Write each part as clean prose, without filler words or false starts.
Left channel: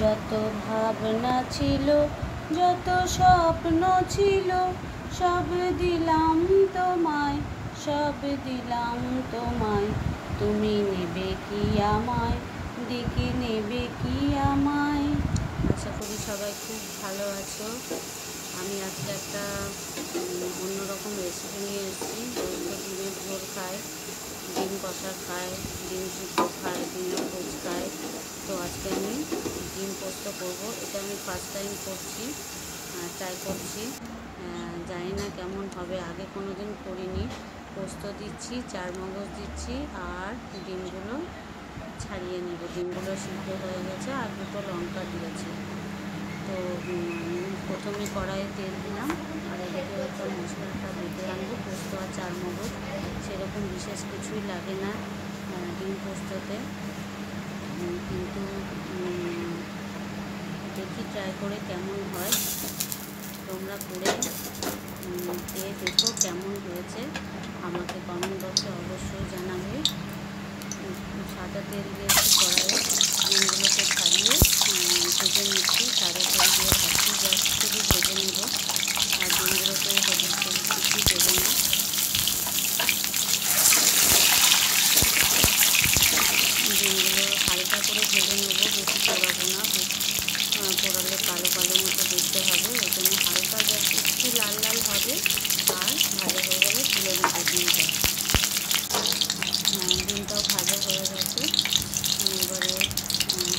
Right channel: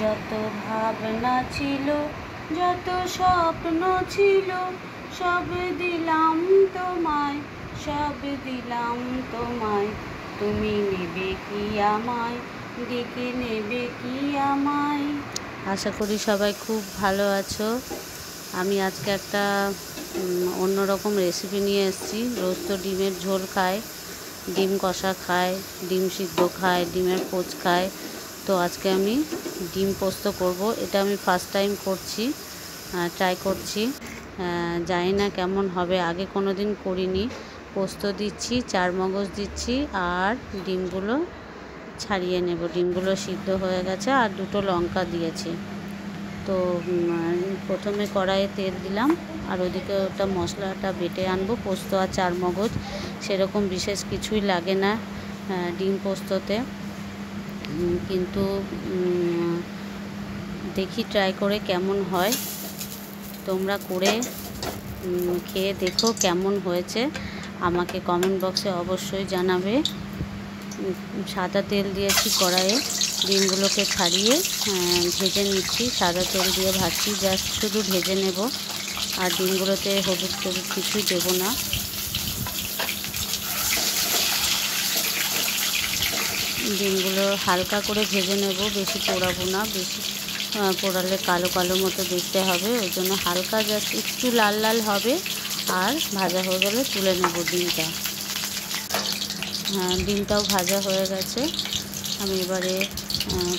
যত ভাবনা ছিল, যত স্বপ্ন ছিল, সব দিলাম তোমায়, সব দিলাম তোমায়। তুমি নেবে কি আমায়, ডেকে নেবে কি আমায়? আশা করি সবাই খুব ভালো আছো। আমি আজকে একটা অন্যরকম রেসিপি নিয়ে এসেছি। রোজ তো ডিমের ঝোল খায়, ডিম কষা খায়, ডিম সিদ্ধ খায়, ডিমের পোচ খায়। তো আজকে আমি ডিম পোস্ত করব। এটা আমি ফার্স্ট টাইম করছি, ট্রাই করছি। জানি না কেমন হবে, আগে কোনো দিন করিনি। পোস্ত দিচ্ছি, চারমগজ দিচ্ছি, আর ডিমগুলো ছাড়িয়ে নেব। ডিমগুলো সিদ্ধ হয়ে গেছে, আর দুটো লঙ্কা দিয়েছি। তো প্রথমে কড়াইয়ে তেল দিলাম, আর ওদিকে ওটা মশলাটা বেটে আনবো। পোস্ত আর চারমগজ সেরকম বিশেষ কিছুই লাগে না ডিম পোস্ততে, কিন্তু দেখি ট্রাই করে কেমন হয়। তোমরা করে খেয়ে দেখো কেমন হয়েছে, আমাকে কমেন্ট বক্সে অবশ্যই জানাবে। সাদা তেল দিয়েছি কড়াইয়ে, ডিমগুলোকে ছাড়িয়ে ভেজে নিচ্ছি। সাদা তেল দিয়ে ভাজছি, জাস্ট শুধু ভেজে নেব, আর ডিমগুলোতে হলুদ টলুদ কিছুই দেবো না। ডিমগুলো হালকা করে ভেজে নেব, বেশি পোড়াবো না। বেশি পোড়ালে কালো কালো মতো দেখতে হবে, ওই জন্য হালকা জাস্ট একটু লাল লাল হবে। আর ভাজা হয়ে গেলে তুলে নেব ডিমটা। ডিমটাও ভাজা হয়ে গেছে। আমি এবারে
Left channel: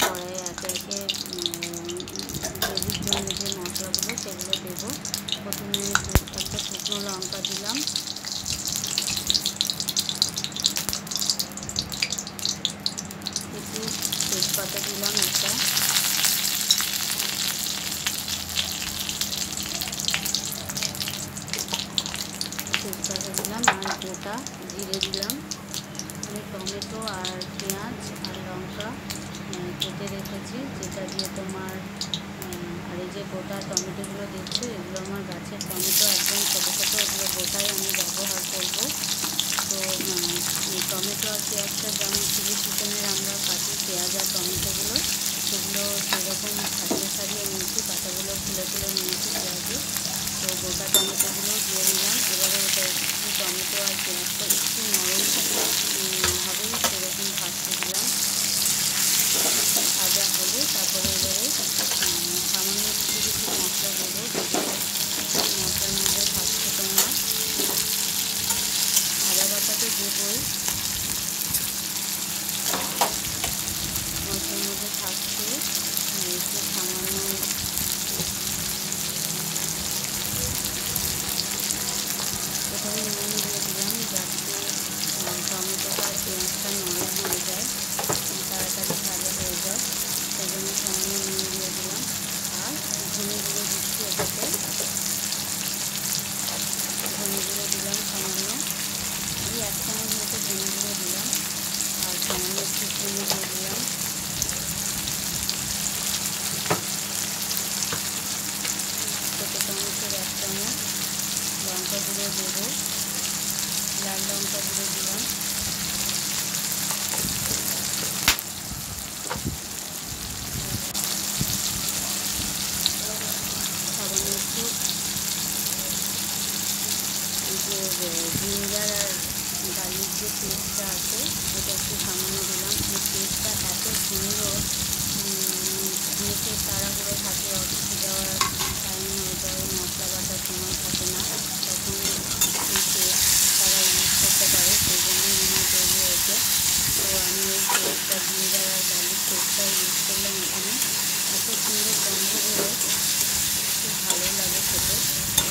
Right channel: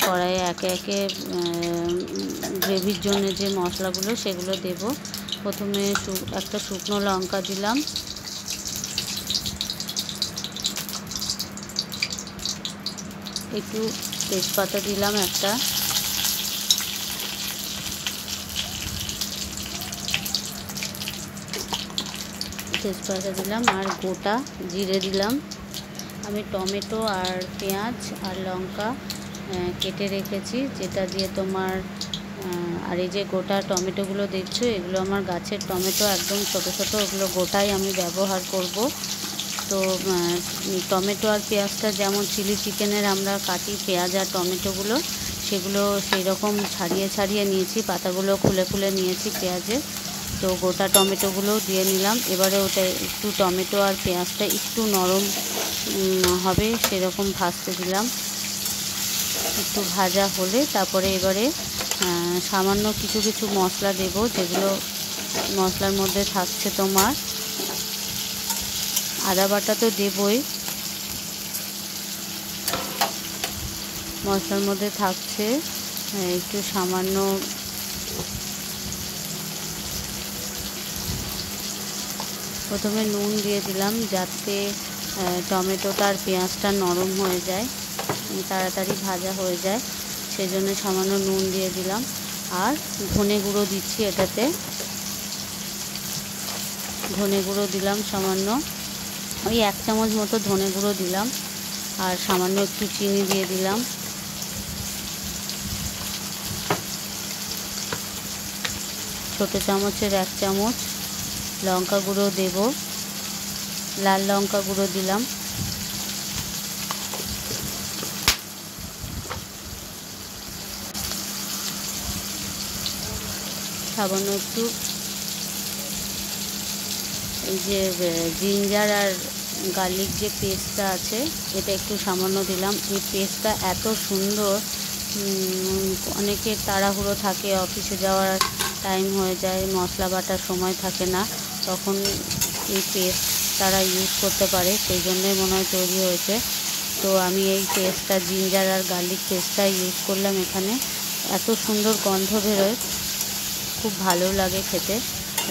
কড়াইয়ে একে একে গ্রেভির জন্য যে মশলাগুলো সেগুলো দেব। প্রথমে একটা শুকনো লঙ্কা দিলাম, একটু তেজপাতা দিলাম একটা, তেজপাতা দিলাম, আর গোটা জিরে দিলাম। আমি টমেটো আর পেঁয়াজ আর লঙ্কা কেটে রেখেছি, যেটা দিয়ে তোমার আর এই যে গোটা টমেটোগুলো দেখছো, এগুলো আমার গাছের টমেটো, একদম ছোটো ছোটো, ওগুলো গোটাই আমি ব্যবহার করব। তো টমেটো আর পেঁয়াজটা যেমন চিলি চিকেনের আমরা কাটি পেঁয়াজ আর টমেটোগুলো, সেগুলো সেই রকম ছাড়িয়ে ছাড়িয়ে নিয়েছি, পাতাগুলো খুলে খুলে নিয়েছি পেঁয়াজে। তো গোটা টমেটোগুলোও দিয়ে নিলাম। এবারে ওটা একটু টমেটো আর পেঁয়াজটা একটু নরম হবে সেরকম ভাজতে দিলাম। একটু ভাজা হলে তারপরে এবারে সামান্য কিছু কিছু মশলা দেব, যেগুলো মশলার মধ্যে থাকছে তোমার আদা বাটা তো দেবই, মশলার মধ্যে থাকছে একটু সামান্য প্রথমে নুন দিয়ে দিলাম, যাতে টমেটোটা আর পেঁয়াজটা নরম হয়ে যায়, তাড়াতাড়ি ভাজা হয়ে যায়, সেই জন্য সামান্য নুন দিয়ে দিলাম। আর ধনে গুঁড়ো দিচ্ছি এটাতে, ধনে গুঁড়ো দিলাম সামান্য, ওই 1 চামচ মতো ধনে গুঁড়ো দিলাম, আর সামান্য একটু চিনি দিয়ে দিলাম। ছোটো চামচের 1 চামচ লঙ্কা গুঁড়ো দেব, লাল লঙ্কা গুঁড়ো দিলাম। সামান্য একটু এই যে জিঞ্জার আর গার্লিক যে পেস্টটা আছে, এটা একটু সামান্য দিলাম। এই পেস্টটা এত সুন্দর, অনেকে তাড়াহুড়ো থাকে, অফিসে যাওয়ার টাইম হয়ে যায়, মশলা বাটার সময় থাকে না, তখন এই পেস্ট তারা ইউজ করতে পারে, সেই জন্যই মনে হয় তৈরি হয়েছে। তো আমি এই পেস্টটা, জিঞ্জার আর গার্লিক পেস্টটা ইউজ করলাম এখানে। এত সুন্দর গন্ধ বেরোয়, খুব ভালো লাগে খেতে,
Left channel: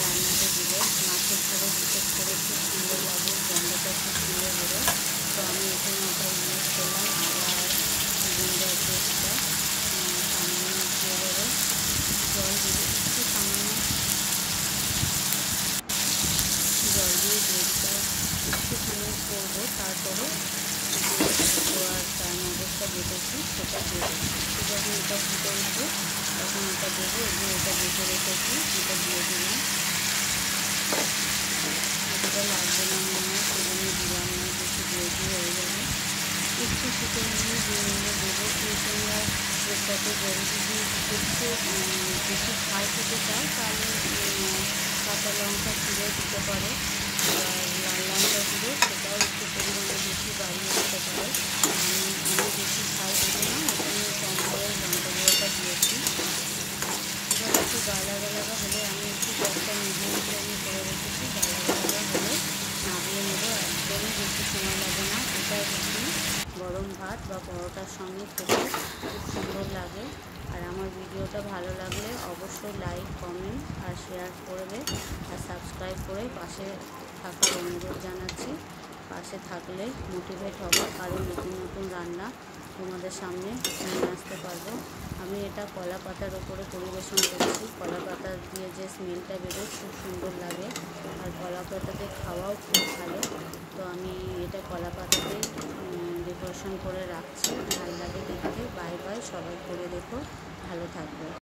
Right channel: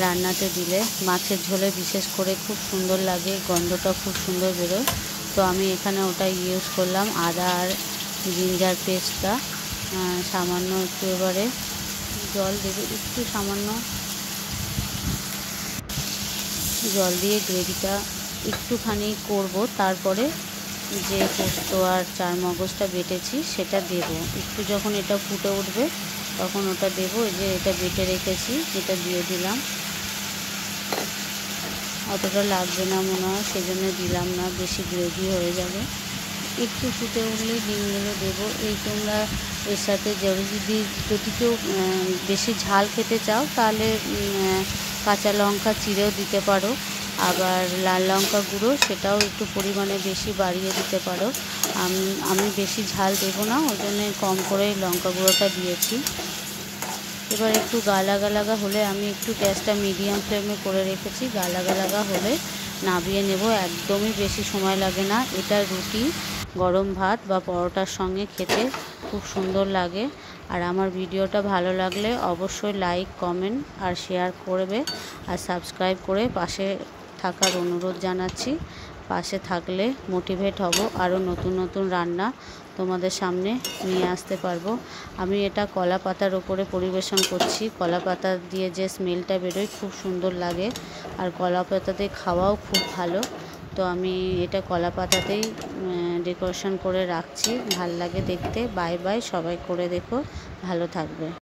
রান্নাতে দিলে মাছের ঝোলে বিশেষ করে খুব সুন্দর লাগে, গন্ধটা খুব সুন্দর বেরোয়। তো আমি এখানে ওটা ইউজ করলাম, আদা আর জিঞ্জার পেস্টটা। সামান্য একটু এবারে জল দেবে, একটু সামান্য জল দিয়ে গ্রেভিটা একটুখানি করব, তারপরে যে পোস্ত আর চারমগজটা বেটেছি সেটা দেবো। একটু যখন এটা ফুটে উঠবে তখন ওটা দেবো। এই যে এটা বেটে রেখেছি, এটা দিয়ে দিলাম। এতটা লাগবে না মনে হয়, সেজন্য দিলাম না, বেশি গ্রেভি হয়ে যাবে। একটু ফুটে উঠলে ডিমগুলো দেবো। এই তোমরা এর সাথে যদি কেউ বেশি ঝাল খেতে চাও তাহলে কাঁচা লঙ্কা চিড়েও দিতে পারো, আবার লাল লঙ্কা গুঁড়ো সেটাও একটু পরিমাণে বেশি বাড়িয়ে দিতে পারো। আমি বেশি ঝাল দেবো না, ওই জন্য কম করে লঙ্কা গুঁড়োটা দিয়েছি। এবার একটু গালাগা হলে আমি একটু গ্যাসটা মিডিয়াম ফ্লেমে করে রেখেছি। গালাগা হলে নামিয়ে নেব, একদমই বেশি সময় লাগে না। এটা রুটি, গরম ভাত বা পরোটার সঙ্গে খেতে খুব সুন্দর লাগে। আর আমার ভিডিওটা ভালো লাগলে অবশ্যই লাইক, কমেন্ট আর শেয়ার করবে, আর সাবস্ক্রাইব করে পাশে থাকার অনুরোধ জানাচ্ছি। পাশে থাকলে মোটিভেট হব, আরও নতুন নতুন রান্না তোমাদের সামনে নিয়ে আসতে পারবো। আমি এটা কলা পাতার ওপরে পরিবেশন করছি। কলা পাতা দিয়ে যে স্মেলটা বেরোয় খুব সুন্দর লাগে, আর কলা পাতাতে খাওয়াও খুব ভালো। তো আমি এটা কলা পাতাতেই ডেকোরেশন করে রাখছি, ভাল লাগে দেখতে। বাই বাই, সবাই করে দেখো, ভালো থাকবে।